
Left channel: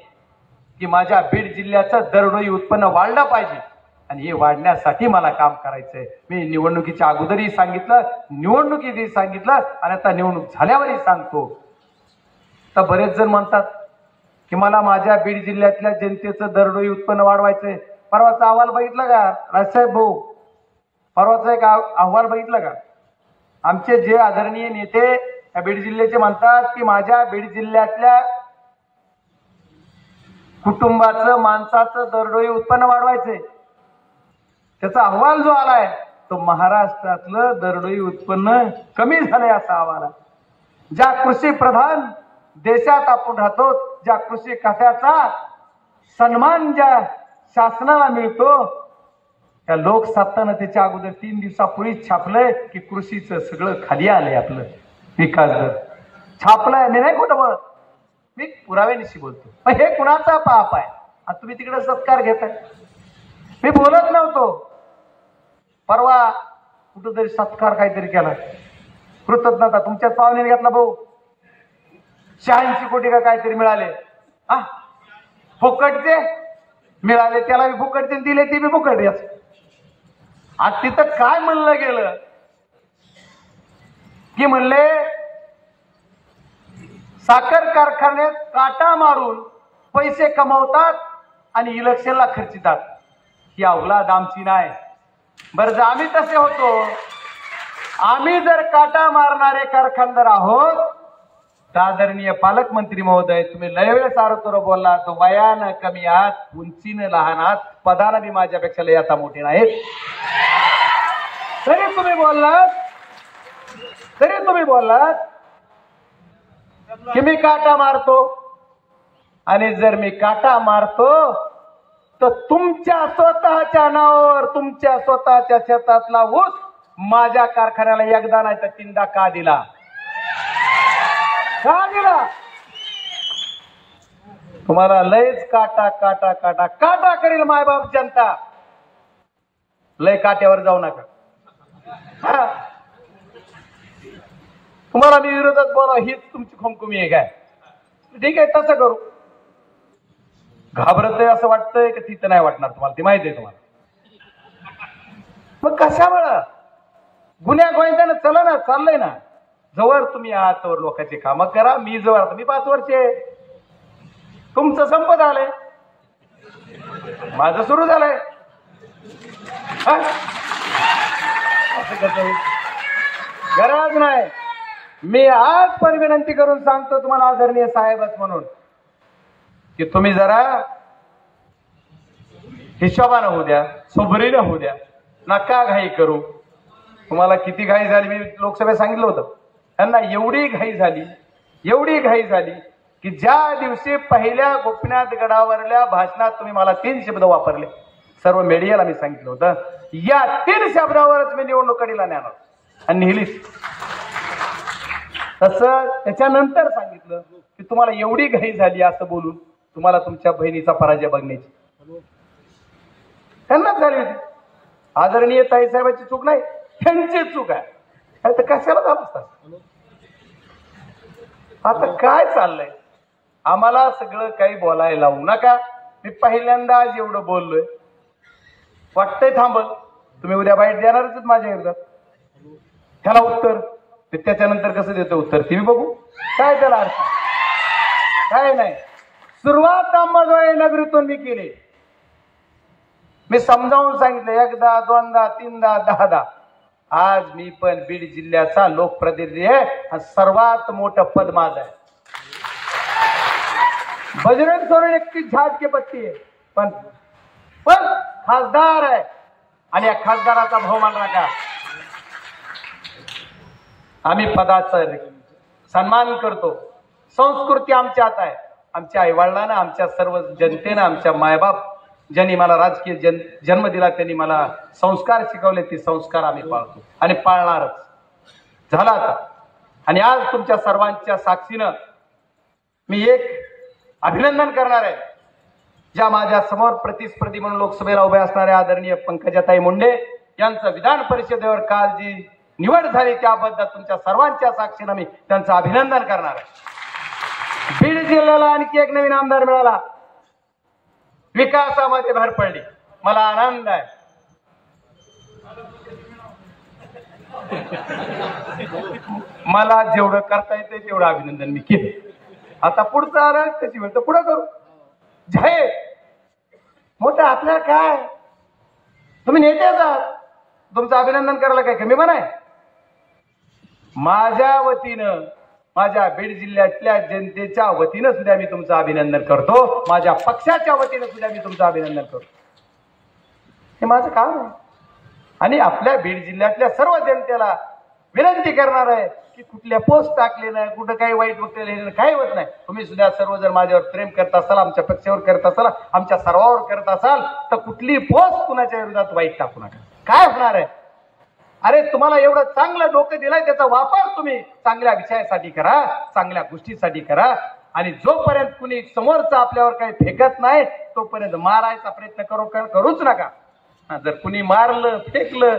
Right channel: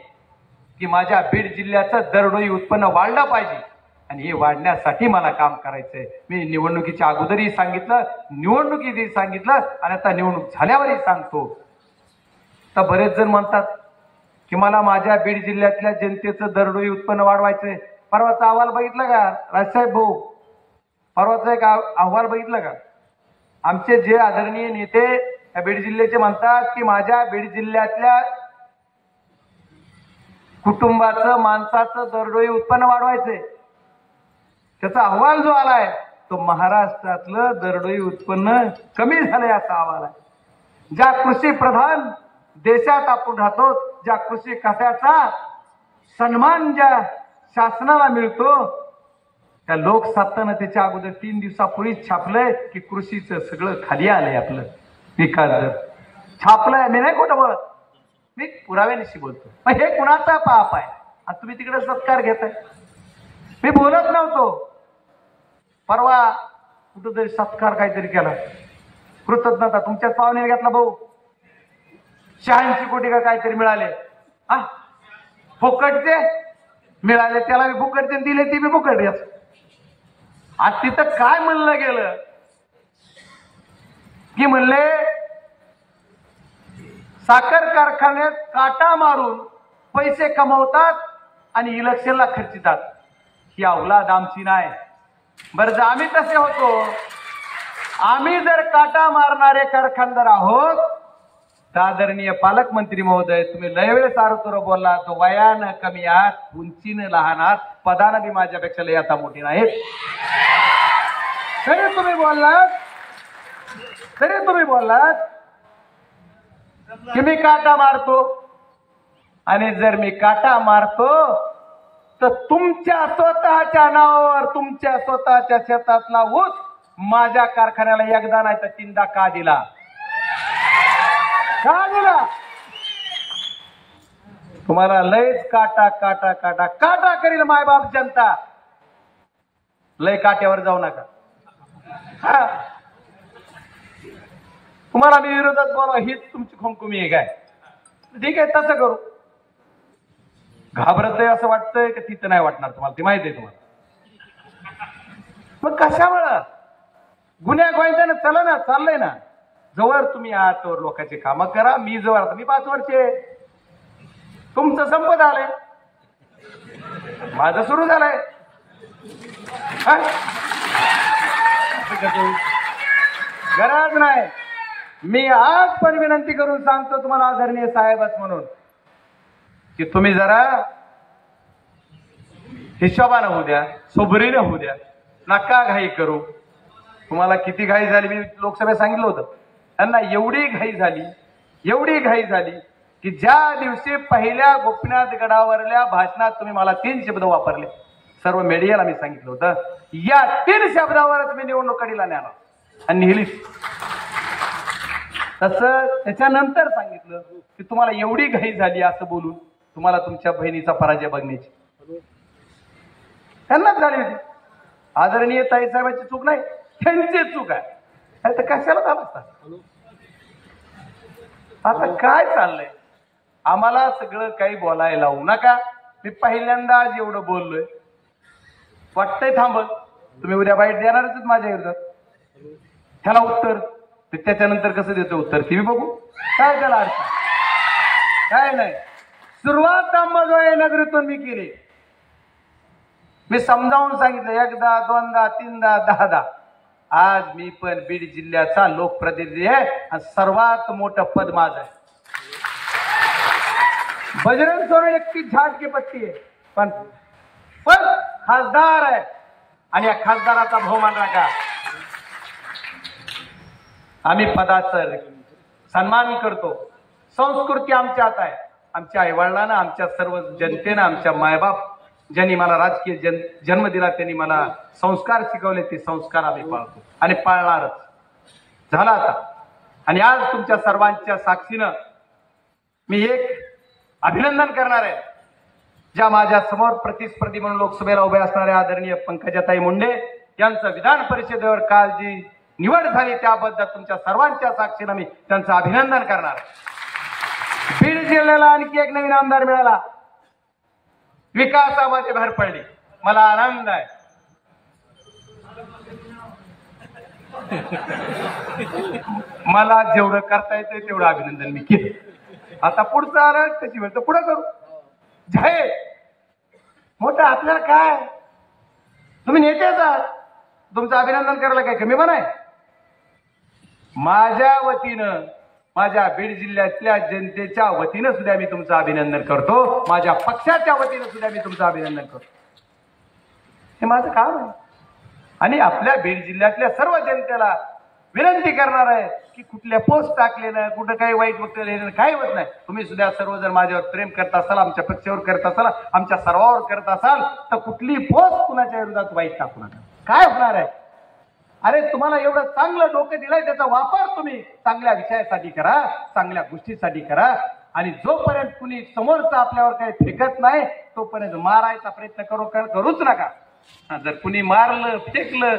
की माझ्या बीड जिल्ह्याचं दरडोई उत्पन्न वाढलं पाहिजे आणि हे वाढण्यासाठी मला काम करायचंय. मी निवडणुकीच्या अगोदरही सांगितलं, निवडणुकीतही सांगितलं आणि आता निवडणूक झाल्यावरही सांगतो. तर बरेच जण म्हणतात की मला माझ्या बीड जिल्ह्यातल्या जनतेचं दरडोई उत्पन्न वाढवायचंय. परवाचा अहवाल बघितला का राजसाहेब भाऊ? परवाचा एक अहवाल बघितला का? आमचे जे आदरणीय नेते बीड जिल्ह्याचे म्हणतात की माझ्या बीड जिल्ह्यातल्या कुटुंबाचं माणसाचं दरडोई उत्पन्न वाढवायचंय. त्याचा अहवाल जो आलाय तो महाराष्ट्रातलं दरडोई उत्पन्न कमी झालंय असा अहवाल आहे. ज्या कृषी प्रधान देशात आपण राहतो, ज्या कृषी खात्याचा सन्मान ज्या शासनाला मिळतो, त्या लोकसत्तानं त्याच्या अगोदर 3 दिवसापूर्वीच छापलंय की कृषीचं सगळं खाली आलंय. आपलं विकास दर छापलंय. मी नाही खोटं बोलत, मी पुराव्यानिशी बोलतो. पण हे कुणाचा पाप आहे? आता तुम्ही तिकडे सत्कार घेताय. मी बोलत नव्हतो. परवा कुठंतरी सत्कार काहीतरी केला, कृतज्ञता तुमच्याच पाहुण्याने घेतला भाऊ. 86 कोटी का काहीतरी मिळाले. फुकटचे मिळाले, त्याला मी फुकटचे दिले, ती मी फुकट याच. आज तिथं काय म्हणलं गेलं की म्हणले साखर कारखान्यात काटा मारून पैसे कमवतात आणि इलेक्शनला खर्चितात. ही अवलाद आमची नाही. बरं, जर आम्ही तसे होतो, आम्ही जर काटा मारणारे कारखानदार आहोत, तर आदरणीय पालकमंत्री महोदय, तुम्ही लय वेळेस आरोग्य बोलला, तो वयानं कमी आहात, उंचीनं लहान आहात, पदानं बी माझ्यापेक्षा लय आता मोठी नाहीत. तरी तुम्ही बोललात की मी काटा मारतो. आणि जर मी काटा मारतो तर तुमच्या स्वतःच्या नावावर तुमच्या स्वतःच्या शेतातला ऊस माझ्या कारखान्याला एकदा नाही तर 3दा का दिला? का दिला? तुम्हाला लयच काटा काटा काटा काटा करील मायबाप जनता. लय काट्यावर जाऊ नका. तुम्हाला मी विरोधात बोला हीच तुमची खुमखुमी आहे काय? ठीक आहे, तसं करू. घाबरत आहे असं वाटतंय की तिथं नाही वाटणार तुम्हाला, ती माहिती आहे तुम्हाला. मग कशामुळं गुन्ह्या गोविंदानं चला ना, चाललंय ना. जवळ तुम्ही आहात तोवर लोकांची कामं करा. मी जवळ, मी 5 वर्षे, तुमचं संपत आलंय, माझं सुरू झालंय. गरज नाही. मी आज पण विनंती करून सांगतो तुम्हाला आदरणीय साहेबच म्हणून की तुम्ही जरा हिशोबानं होऊ द्या, सोबरीनं होऊ द्या, नका घाई करू. तुम्हाला किती घाई झाली मी लोकसभेत सांगितलं होतं. त्यांना एवढी घाई झाली की ज्या दिवशी पहिल्या गोपीनाथ गडावरल्या भाषणात तुम्ही मला 3 शब्द वापरले, सर्व मीडियाला मी सांगितलं होतं, या 3 शब्दावरच मी निवडणूक कडीला नेणार आणि नेलीच. तसं त्याच्यानंतर सांगितलं की तुम्हाला एवढी घाई झाली असं बोलून तुम्हाला तुमच्या बहिणीचा पराजय बघण्याची त्यांनाच झाली होती. आदरणीय ताईसाहेबांची चूक नाही, त्यांची चूक आहे. तर कशाला झालं असतात? आता काय चाललंय? आम्हाला सगळं काही बोलायला लावू नका. मी पहिल्यांदा आज एवढं बोललोय, वाटतंय थांबत. तुम्ही उद्या बाईट देणारच माझ्या विरोधात. त्याला उत्तर त्याच्यानंतर कसं देतो उत्तर ते बघू. काय त्याला अर्थ? काय नाही. सुरुवात अंबाजोगाई नगरीतून मी केली. मी समजावून सांगितलं 1दा 2दा 3दा 10दा. आज मी पण बीड जिल्ह्याचा लोकप्रतिनिधी आहे आणि सर्वात मोठं पद माझं आहे. बजरंग सोरेन 31 झाड की पत्ती आहे, पण खासदार आहे आणि या खासदाराचा बहुमान राखा. आम्ही पदाचा सन्मान करतो. संस्कृती आमच्या हात आहे. आमच्या आईवडिलांना, आमच्या सर्व जनतेनं, आमच्या मायबाप ज्यांनी मला राजकीय जन्म दिला, त्यांनी मला संस्कार शिकवले, ते संस्कार आम्ही पाळतो आणि पाळणारच झाला आता. आणि आज तुमच्या सर्वांच्या साक्षीनं मी एक अभिनंदन करणार आहे. ज्या माझ्या समोर प्रतिस्पर्धी म्हणून लोकसभेला उभे असणाऱ्या आदरणीय पंकजाताई मुंडे यांचं विधान परिषदेवर काल जी निवड झाली त्याबद्दल तुमच्या सर्वांच्या साक्षीनं मी त्यांचं अभिनंदन करणार. बीड जिल्ह्याला आणखी एक नवीन आमदार मिळाला, विकासामध्ये भर पडली, मला आनंद आहे. मला जेवढं करता येते तेवढं अभिनंदन मी केलं. आता पुढचं आलं त्याची वेळ तर पुढं करू. जय मोठं आपल्या काय, तुम्ही नेतेच आहात, तुमचं अभिनंदन करायला काय कमी पण आहे? माझ्या वतीनं माझ्या बीड जिल्ह्यातल्या जनतेच्या वतीनं सुद्धा मी तुमचं अभिनंदन करतो, माझ्या पक्षाच्या वतीनं सुद्धा मी तुमचं अभिनंदन करतो. हे माझं काम आहे आणि आपल्या बीड जिल्ह्यातल्या सर्व जनतेला विनंती करणार आहे की कुठल्या पोस्ट टाकले ना, कुठं काही वाईट वक्तव्य काही होत नाही. तुम्ही सुद्धा सर्वजण माझ्यावर प्रेम करत असाल, आमच्या पक्षावर करत असाल, आमच्या सर्वावर करत असाल तर कुठली पोस्ट कुणाच्या विरोधात वाईट टाकू नका. काय होणार आहे? अरे तुम्हाला एवढं चांगलं डोकं दिलंय, त्याचा वापर तुम्ही चांगल्या विषयासाठी करा, चांगल्या गोष्टीसाठी करा. आणि जोपर्यंत कुणी समोरचा आपल्यावर काही फेकत नाही तोपर्यंत मारायचा प्रयत्न करूच नका. जर कुणी मारलं फेकलं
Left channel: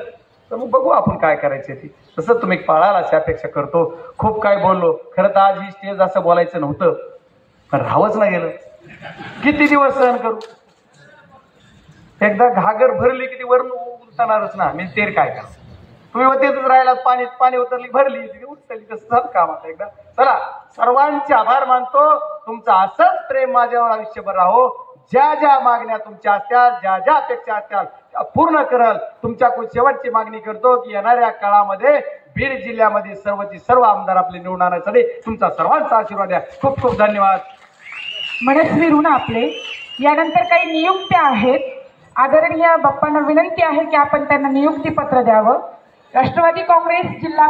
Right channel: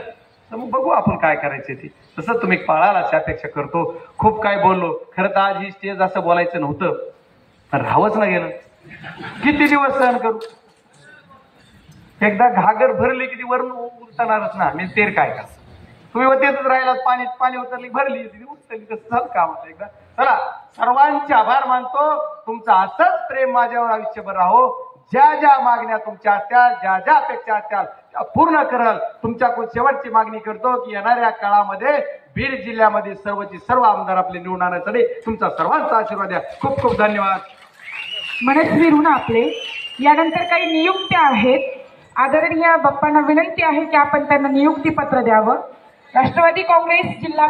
तर मग बघू आपण काय करायचं ते. तसं तुम्ही पाळाल अशी अपेक्षा करतो. खूप काय बोललो, खरं तर आज ही स्टेज असं बोलायचं नव्हतं, पण राहावंच नाही गेलं. किती दिवस सहन करू? एकदा घागर भरली किती वरून उतरणारच ना. मी तेर काय का तुम्ही होतेच राहिला, पाणी उतरली भरली उतरली, तसं काम आता. एकदा चला, सर्वांचे आभार मानतो. तुमचं असंच प्रेम माझ्यावर आयुष्यभर राहो. ज्या ज्या मागण्या तुमच्या असत्याल, ज्या ज्या अपेक्षा असत्याल त्या पूर्ण कराल. तुमच्याकडून शेवटची मागणी करतो की येणाऱ्या काळामध्ये बीड जिल्ह्यामध्ये सर्वची सर्व आमदार आपले निवडून आणण्यासाठी तुमचा सर्वांचा आशीर्वाद द्या. खूप खूप धन्यवाद. मनस्वी ऋण आपले. यानंतर काही नियुक्त्या आहेत. आदरणीय बाप्पांना विनंती आहे की आपण त्यांना नियुक्ती पत्र द्यावं. राष्ट्रवादी काँग्रेस जिल्हा